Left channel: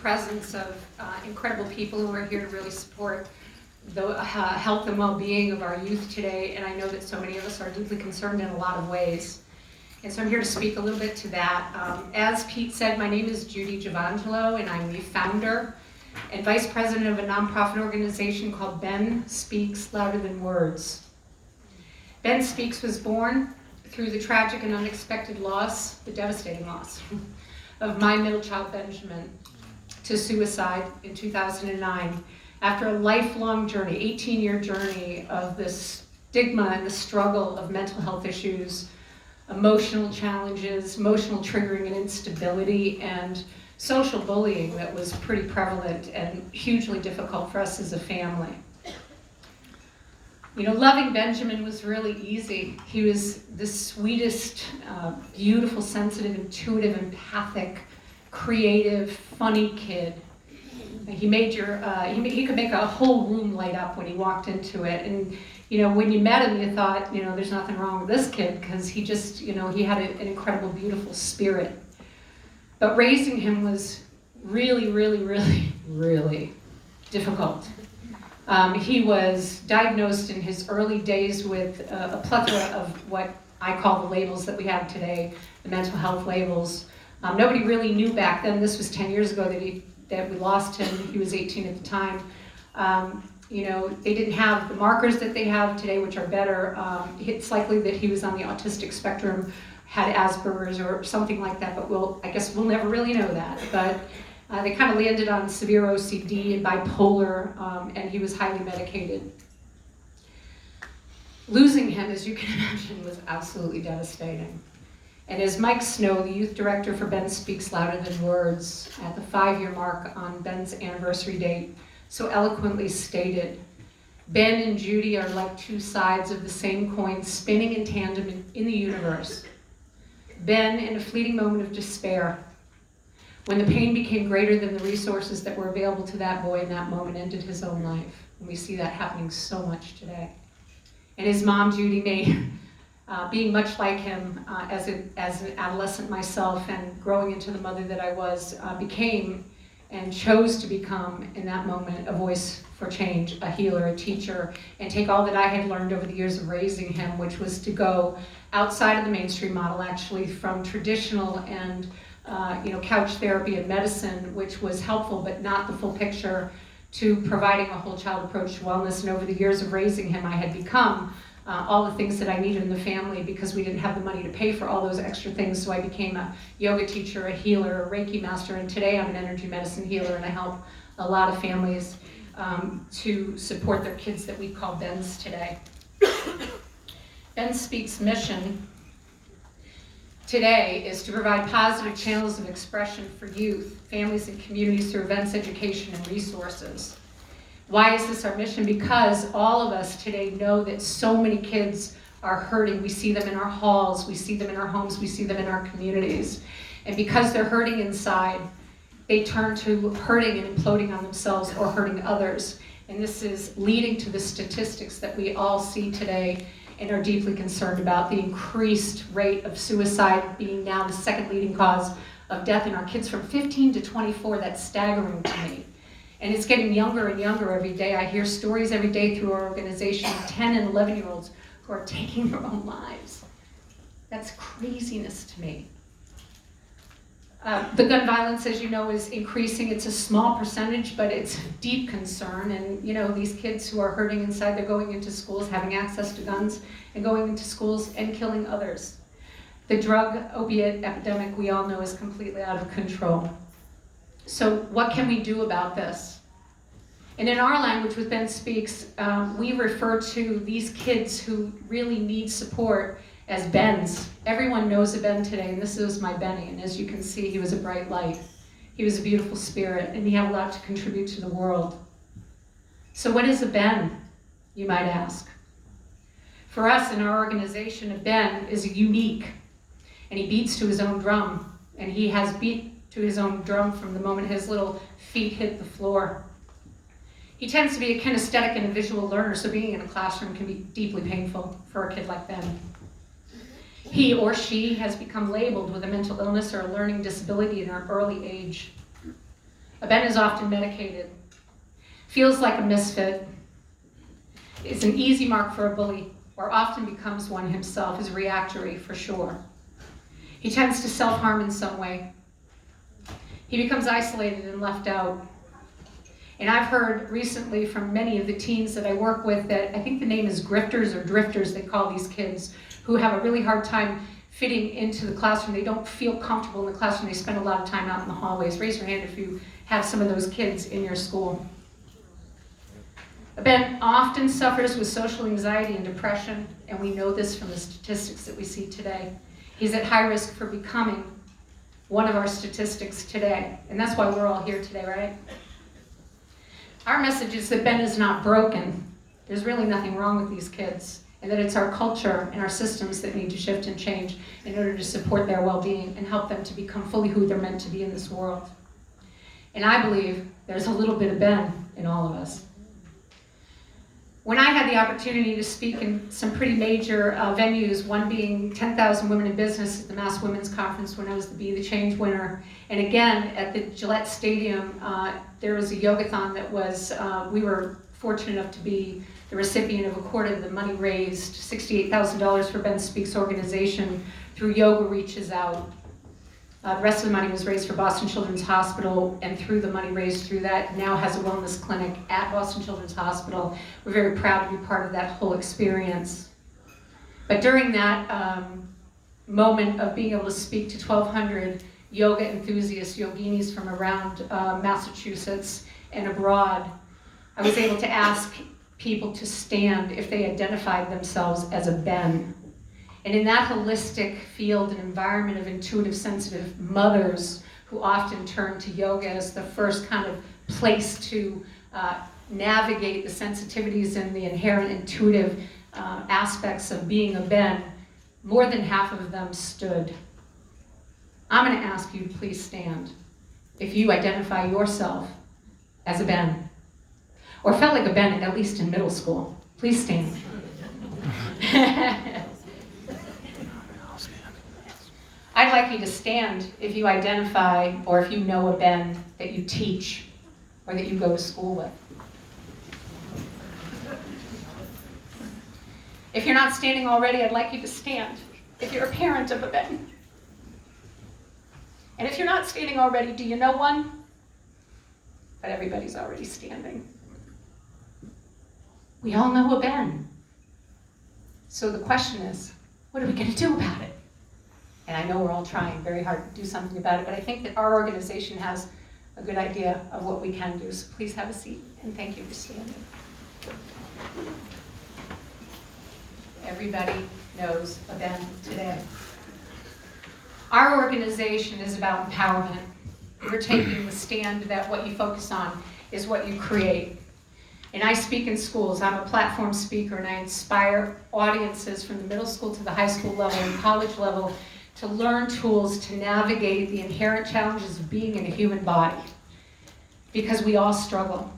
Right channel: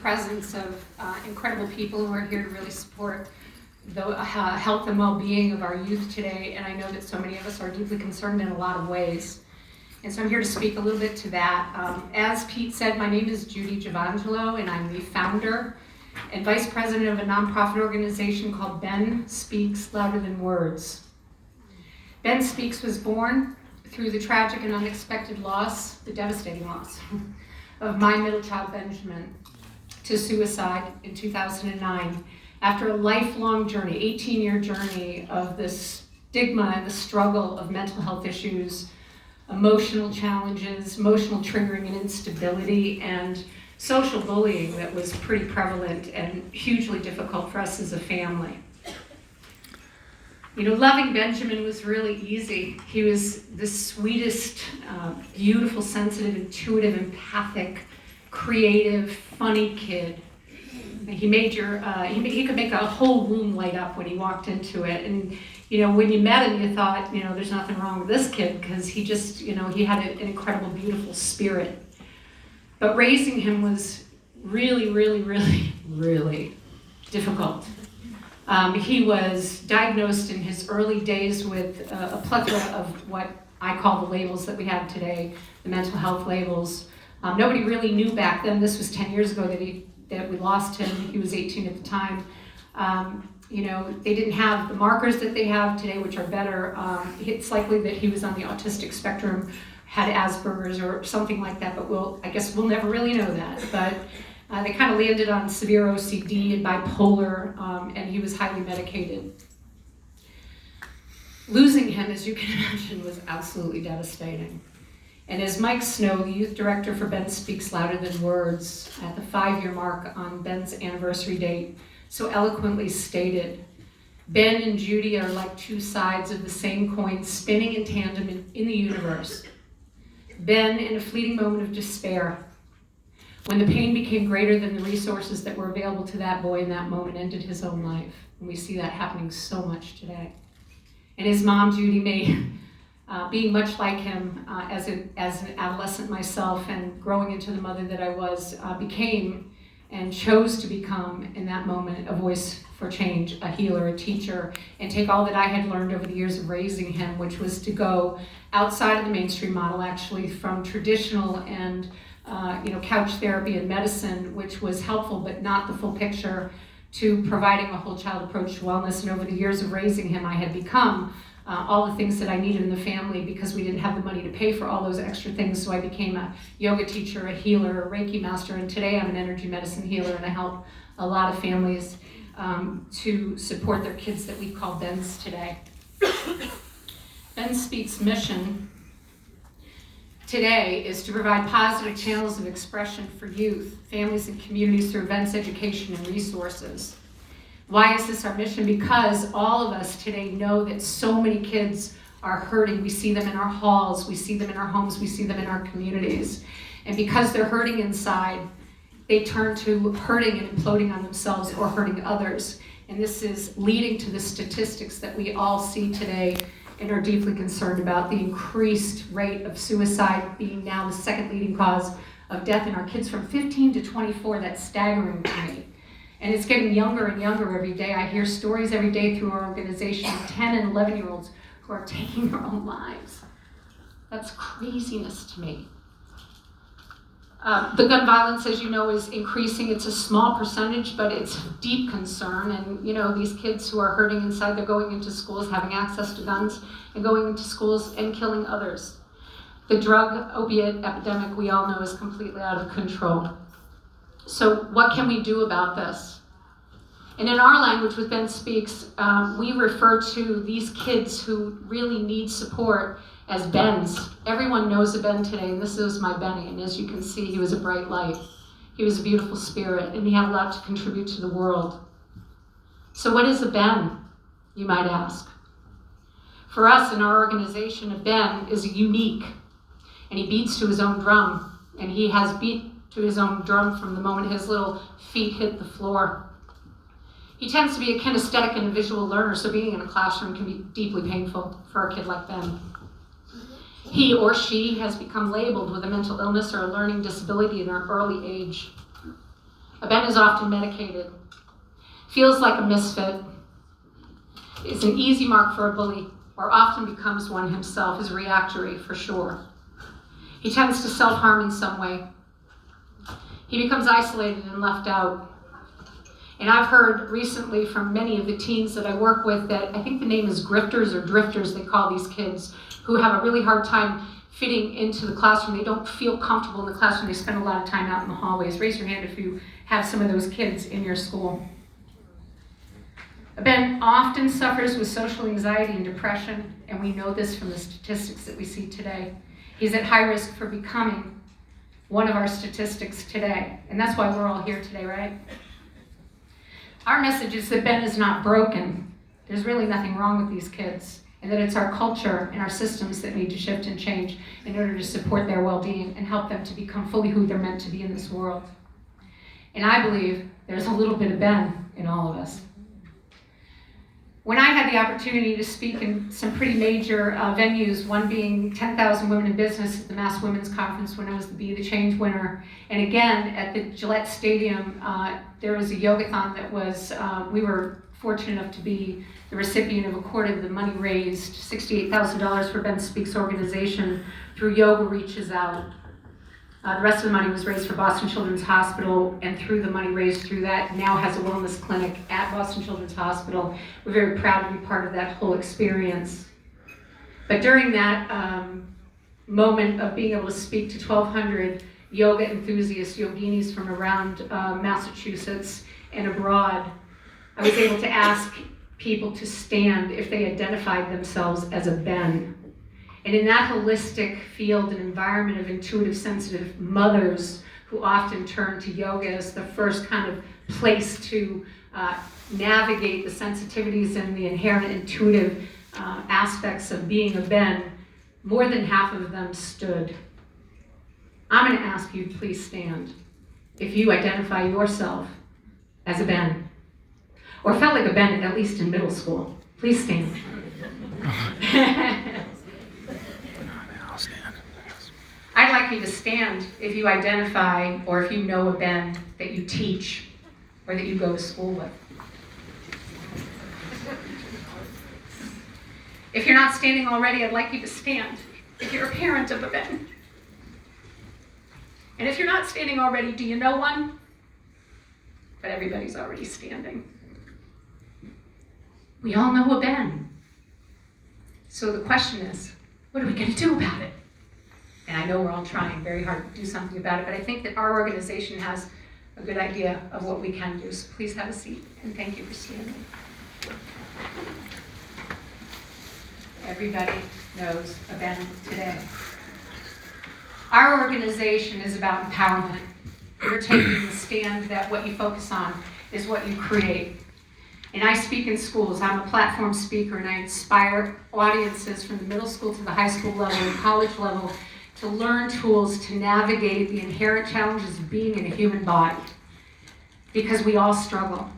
presence of incredible people who are here to really support the health and well-being of our youth today, and I know that so many of us are deeply concerned in a lot of ways. And so I'm here to speak a little bit to that. As Pete said, my name is Judy Giovangelo, and I'm the founder and vice president of a nonprofit organization called Ben Speaks Louder Than Words. Ben Speaks was born through the tragic and unexpected loss, the devastating loss, of my middle child Benjamin to suicide in 2009 after a lifelong journey, 18-year journey of this stigma and the struggle of mental health issues, emotional challenges, emotional triggering and instability, and social bullying that was pretty prevalent and hugely difficult for us as a family. You know, loving Benjamin was really easy. He was the sweetest, beautiful, sensitive, intuitive, empathic, creative, funny kid. He made he could make a whole room light up when he walked into it. And, you know, when you met him, you thought, you know, there's nothing wrong with this kid because he just, you know, he had an incredible, beautiful spirit. But raising him was really, really, really, really difficult. He was diagnosed in his early days with a plethora of what I call the labels that we have today, the mental health labels. Nobody really knew back then. This was 10 years ago that we lost him. He was 18 at the time. You know, they didn't have the markers that they have today, which are better. It's likely that he was on the autistic spectrum, had Asperger's or something like that, but I guess we'll never really know that. But they kind of landed on severe OCD and bipolar, and he was highly medicated. Losing him, as you can imagine, was absolutely devastating. And as Mike Snow, the youth director for Ben Speaks Louder Than Words, at the 5-year mark on Ben's anniversary date, so eloquently stated, Ben and Judy are like two sides of the same coin spinning in tandem in the universe. Ben, in a fleeting moment of despair, when the pain became greater than the resources that were available to that boy in that moment, ended his own life. And we see that happening so much today. And his mom, Judy, being much like him as an adolescent myself and growing into the mother that I was, became and chose to become, in that moment, a voice for change, a healer, a teacher, and take all that I had learned over the years of raising him, which was to go outside of the mainstream model, actually, from traditional and couch therapy and medicine, which was helpful but not the full picture, to providing a whole child approach to wellness. And over the years of raising him, I had become all the things that I needed in the family because we didn't have the money to pay for all those extra things. So I became a yoga teacher, a healer, a Reiki master, and today I'm an energy medicine healer, and I help a lot of families to support their kids that we call Bens today. Ben Speaks' mission today is to provide positive channels of expression for youth, families, and communities through events, education, and resources. Why is this our mission? Because all of us today know that so many kids are hurting. We see them in our halls, we see them in our homes, we see them in our communities. And because they're hurting inside, they turn to hurting and imploding on themselves or hurting others. And this is leading to the statistics that we all see today and are deeply concerned about, the increased rate of suicide being now the second leading cause of death in our kids from 15 to 24. That's staggering to me. And it's getting younger and younger every day. I hear stories every day through our organization of 10 and 11-year-olds who are taking their own lives. That's craziness to me. The gun violence, as you know, is increasing. It's a small percentage, but it's a deep concern. And, you know, these kids who are hurting inside, they're going into schools, having access to guns, and going into schools and killing others. The drug opiate epidemic, we all know, is completely out of control. So what can we do about this? And in our language with Ben Speaks, we refer to these kids who really need support as Bens. Everyone knows a Ben today, and this is my Benny, and as you can see, he was a bright light. He was a beautiful spirit, and he had a lot to contribute to the world. So what is a Ben, you might ask? For us in our organization, a Ben is unique, and he beats to his own drum, and he has beat to his own drum from the moment his little feet hit the floor. He tends to be a kinesthetic and a visual learner, so being in a classroom can be deeply painful for a kid like Ben. He or she has become labeled with a mental illness or a learning disability in an early age. Ben is often medicated, feels like a misfit, is an easy mark for a bully, or often becomes one himself, is reactory for sure. He tends to self-harm in some way. He becomes isolated and left out. And I've heard recently from many of the teens that I work with that I think the name is grifters or drifters, they call these kids, who have a really hard time fitting into the classroom. They don't feel comfortable in the classroom. They spend a lot of time out in the hallways. Raise your hand if you have some of those kids in your school. Ben often suffers with social anxiety and depression, and we know this from the statistics that we see today. He's at high risk for becoming one of our statistics today, and that's why we're all here today, right? Our message is that Ben is not broken. There's really nothing wrong with these kids, and that it's our culture and our systems that need to shift and change in order to support their well-being and help them to become fully who they're meant to be in this world. And I believe there's a little bit of Ben in all of us. When I had the opportunity to speak in some pretty major venues, one being 10,000 Women in Business at the Mass Women's Conference when I was the Be the Change winner, and again at the Gillette Stadium, there was a yogathon that was, we were fortunate enough to be the recipient of a quarter of the money raised, $68,000 for Ben Speaks organization through Yoga Reaches Out. The rest of the money was raised for Boston Children's Hospital, and through the money raised through that, now has a wellness clinic at Boston Children's Hospital. We're very proud to be part of that whole experience. But during that moment of being able to speak to 1,200 yoga enthusiasts, yoginis from around Massachusetts and abroad, I was able to ask people to stand if they identified themselves as a Ben. And in that holistic field and environment of intuitive, sensitive mothers who often turn to yoga as the first kind of place to navigate the sensitivities and the inherent intuitive aspects of being a Ben, more than half of them stood. I'm going to ask you to please stand if you identify yourself as a Ben, or felt like a Ben at least in middle school. Please stand. I'd like you to stand if you identify or if you know a Ben that you teach or that you go to school with. If you're not standing already, I'd like you to stand if you're a parent of a Ben. And if you're not standing already, do you know one? But everybody's already standing. We all know a Ben. So the question is, what are we going to do about it? And I know we're all trying very hard to do something about it, but I think that our organization has a good idea of what we can do. So please have a seat, and thank you for standing. Everybody knows a Ben today. Our organization is about empowerment. We're taking the stand that what you focus on is what you create. And I speak in schools. I'm a platform speaker, and I inspire audiences from the middle school to the high school level and college level to learn tools to navigate the inherent challenges of being in a human body. Because we all struggle,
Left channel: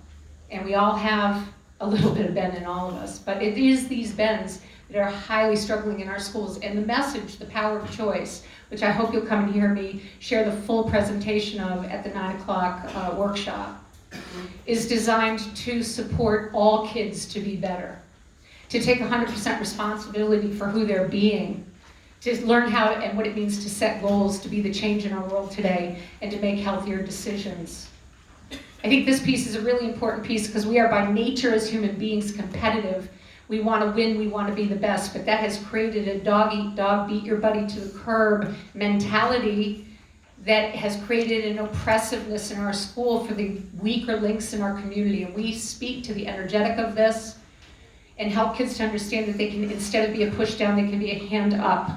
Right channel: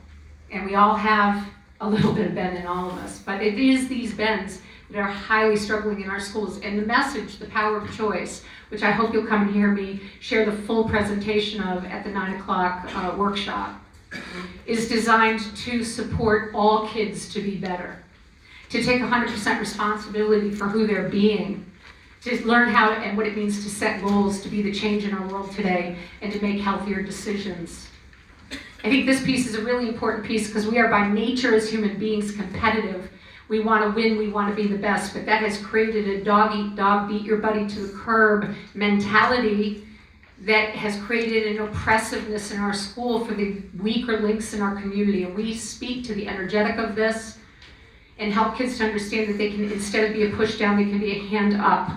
and we all have a little bit of Ben in all of us. But it is these Bens that are highly struggling in our schools. And the message, the power of choice, which I hope you'll come and hear me share the full presentation of at the 9 o'clock workshop, is designed to support all kids to be better, to take 100% responsibility for who they're being, to learn how and what it means to set goals, to be the change in our world today, and to make healthier decisions. I think this piece is a really important piece because we are by nature as human beings competitive. We want to win, we want to be the best, but that has created a dog eat dog, beat your buddy to the curb mentality that has created an oppressiveness in our school for the weaker links in our community. And we speak to the energetic of this and help kids to understand that they can, instead of be a push down, they can be a hand up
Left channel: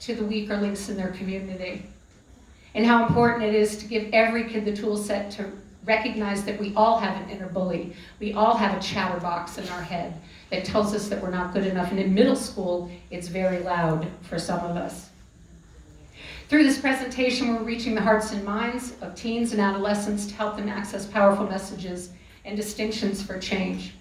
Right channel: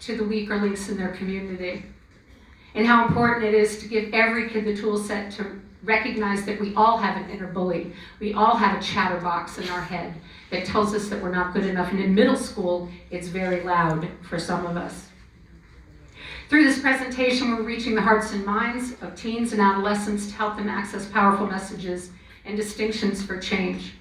to the weaker links in their community. And how important it is to give every kid the tool set to recognize that we all have an inner bully. We all have a chatterbox in our head that tells us that we're not good enough. And in middle school, it's very loud for some of us. Through this presentation, we're reaching the hearts and minds of teens and adolescents to help them access powerful messages and distinctions for change.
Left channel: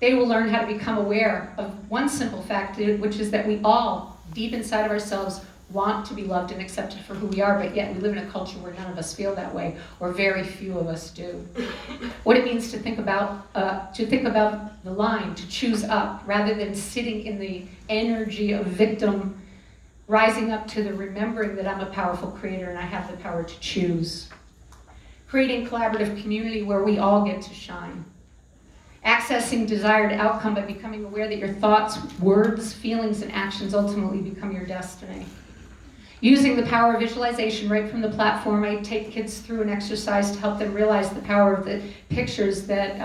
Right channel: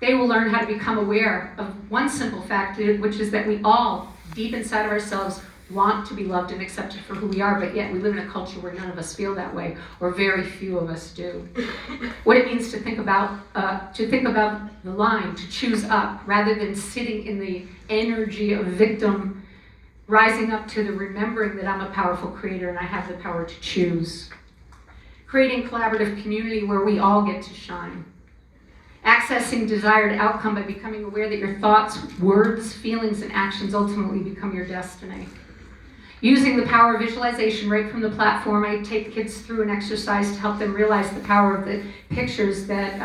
They will learn how to become aware of one simple fact, which is that we all, deep inside of ourselves, want to be loved and accepted for who we are, but yet we live in a culture where none of us feel that way, or very few of us do. What it means to think about the line, to choose up, rather than sitting in the energy of victim, rising up to the remembering that I'm a powerful creator and I have the power to choose. Creating collaborative community where we all get to shine. Accessing desired outcome by becoming aware that your thoughts, words, feelings, and actions ultimately become your destiny. Using the power of visualization right from the platform, I take kids through an exercise to help them realize the power of the pictures that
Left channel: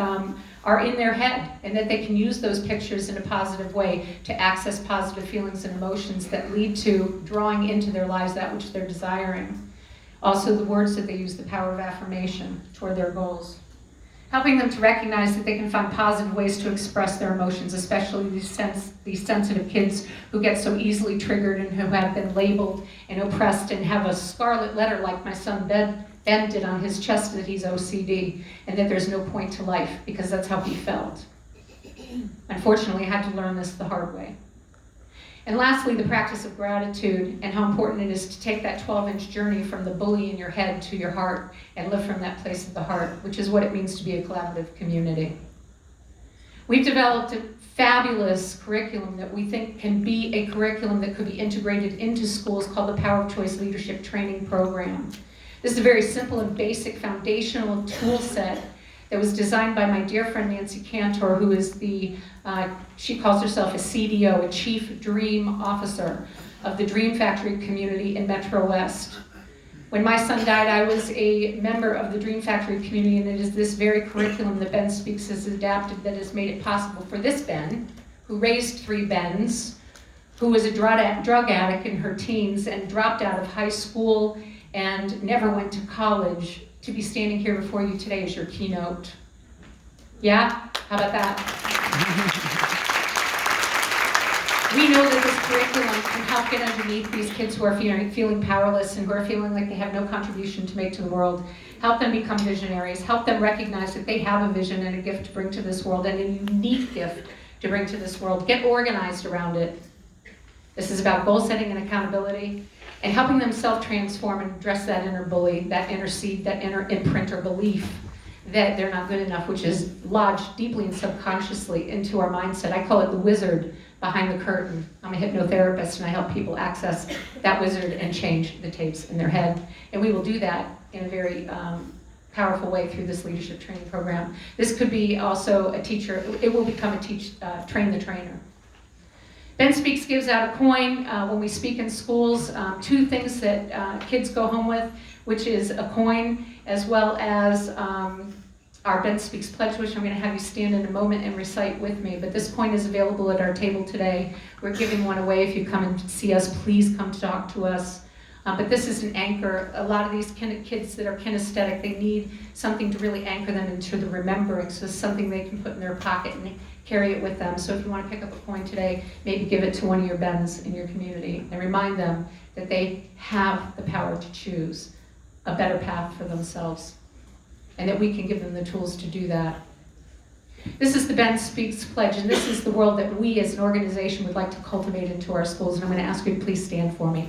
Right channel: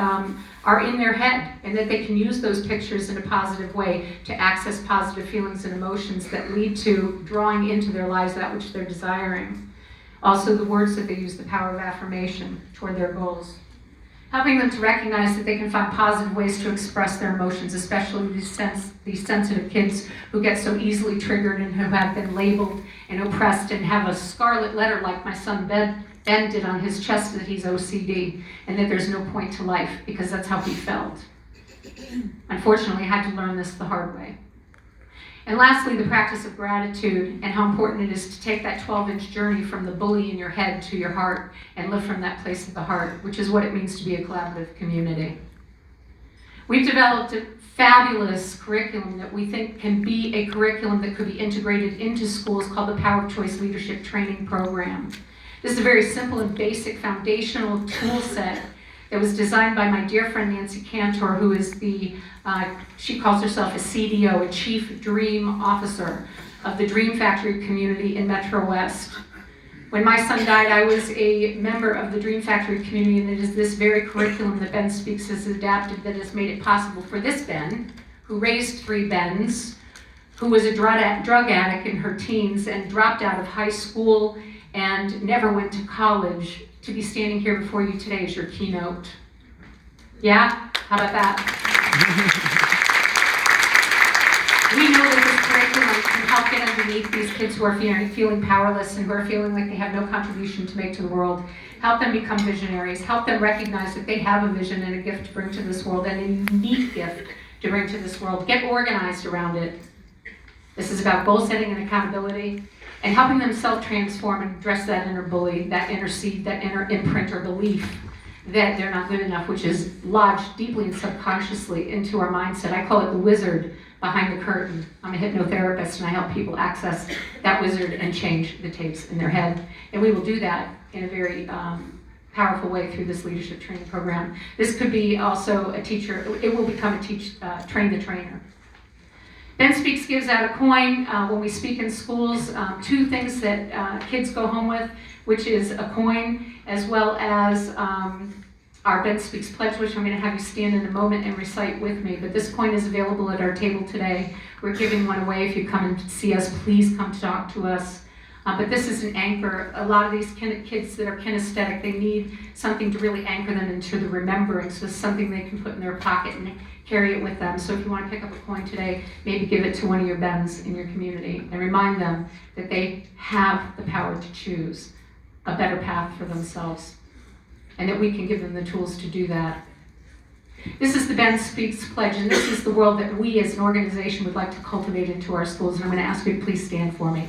are in their head, and that they can use those pictures in a positive way to access positive feelings and emotions that lead to drawing into their lives that which they're desiring. Also, the words that they use, the power of affirmation toward their goals. Helping them to recognize that they can find positive ways to express their emotions, especially these sensitive kids who get so easily triggered and who have been labeled and oppressed and have a scarlet letter like my son Ben did on his chest that he's OCD and that there's no point to life because that's how he felt. Unfortunately, I had to learn this the hard way. And lastly, the practice of gratitude and how important it is to take that 12-inch journey from the bully in your head to your heart and live from that place of the heart, which is what it means to be a collaborative community. We've developed a fabulous curriculum that we think can be a curriculum that could be integrated into schools called the Power of Choice Leadership Training Program. This is a very simple and basic foundational tool set that was designed by my dear friend Nancy Cantor, who is she calls herself a CDO, a Chief Dream Officer of the Dream Factory community in Metro West. When my son died, I was a member of the Dream Factory community, and it is this very curriculum that Ben Speaks has adapted that has made it possible for this Ben, who raised 3 Bens, who was a drug addict in her teens and dropped out of high school and never went to college, to be standing here before you today as your keynote. Yeah? How about that? We know that this curriculum can help get underneath these kids who are feeling powerless and who are feeling like they have no contribution to make to the world. Help them become visionaries. Help them recognize that they have a vision and a gift to bring to this world, and a unique gift to bring to this world. Get organized around it. This is about goal setting and accountability, and helping them self-transform and address that inner bully, that inner seed, that inner imprint or belief that they're not good enough, which is lodged deeply and subconsciously into our mindset. I call it the wizard behind the curtain. I'm a hypnotherapist and I help people access that wizard and change the tapes in their head. And we will do that in a very powerful way through this leadership training program. This could be also a teacher, it will become a train the trainer. Ben Speaks gives out a coin when we speak in schools, 2 things that kids go home with, which is a coin as well as our Ben Speaks pledge, which I'm going to have you stand in a moment and recite with me. But this coin is available at our table today. We're giving one away. If you come and see us, please come to talk to us. But this is an anchor. A lot of these kids that are kinesthetic, they need something to really anchor them into the remembering, so it's something they can put in their pocket and carry it with them. So if you want to pick up a coin today, maybe give it to one of your Bens in your community and remind them that they have the power to choose a better path for themselves and that we can give them the tools to do that. This is the Ben Speaks Pledge, and this is the world that we as an organization would like to cultivate into our schools. And I'm going to ask you to please stand for me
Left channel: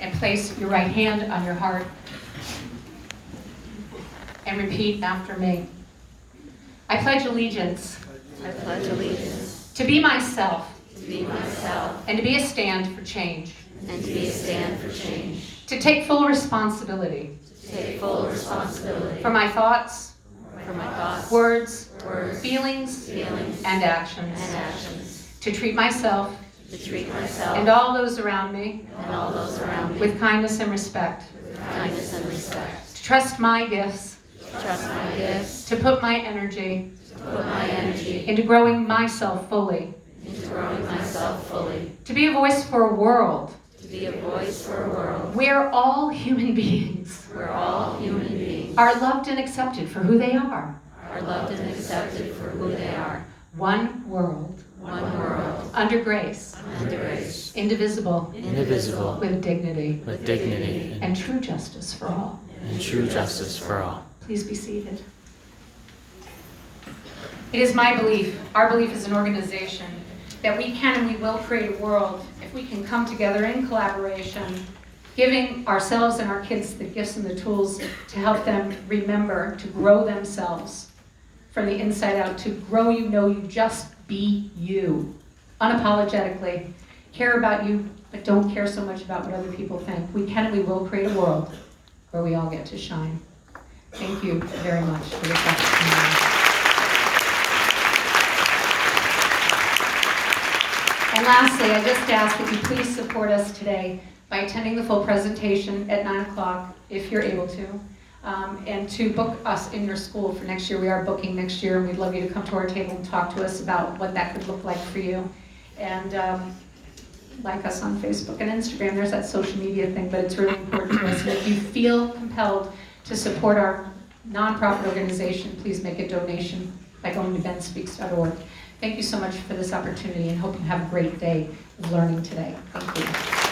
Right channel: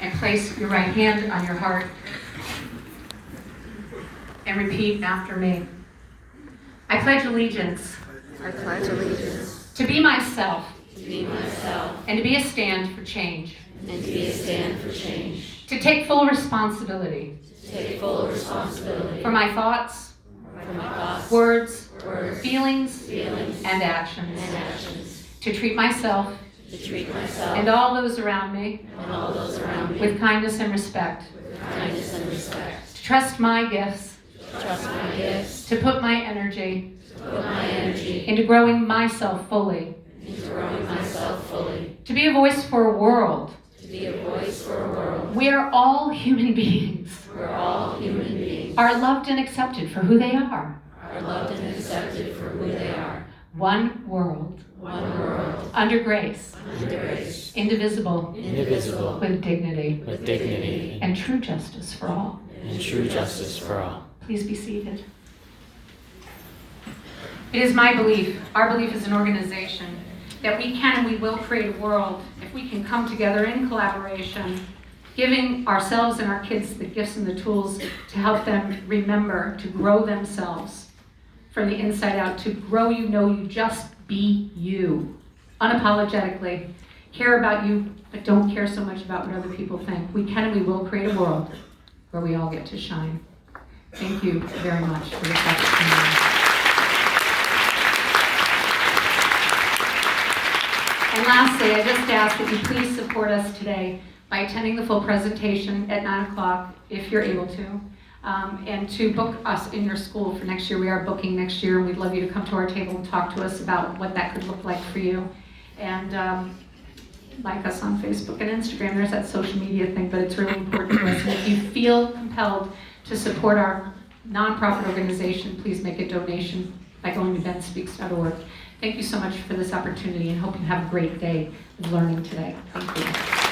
and place your right hand on your heart and repeat after me. I pledge allegiance. I pledge allegiance to be myself. to be myself And to be a stand for change. and to be a stand for change. To take full responsibility To take full responsibility for my thoughts, for my thoughts, words, words, feelings, feelings, and actions. and actions. To treat myself To treat myself and all those around me and all those around me with kindness and respect. with kindness and respect. To trust my gifts. To trust my gifts. To put my energy To put my energy into growing myself fully. into growing myself fully. To be a voice for a world. To be a voice for a world where all human beings where all human beings are loved and accepted for who they are. are loved and accepted for who they are. One world, One world under grace, under grace, indivisible, indivisible, with dignity, with dignity and true justice for all. and true justice for all. Please be seated. It is my belief, our belief as an organization, that we can and we will create a world if we can come together in collaboration, giving ourselves and our kids the gifts and the tools to help them remember to grow themselves from the inside out, to grow you, know you, just be you, unapologetically. Care about you, but don't care so much about what other people think. We can and we will create a world where we all get to shine. Thank you very much for this opportunity. And lastly, I just ask that you please support us today by attending the full presentation at 9 o'clock, if you're able to, and to book us in your school for next year. We are booking next year, and we'd love you to come to our table and talk to us about what that could look like for you. And like us on Facebook and Instagram. There's that social media thing, but it's really important to us. And if you feel compelled to support our nonprofit organization, please make a donation by going to benspeaks.org. Thank you so much for this opportunity, and hope you have a great day of learning today. Thank you.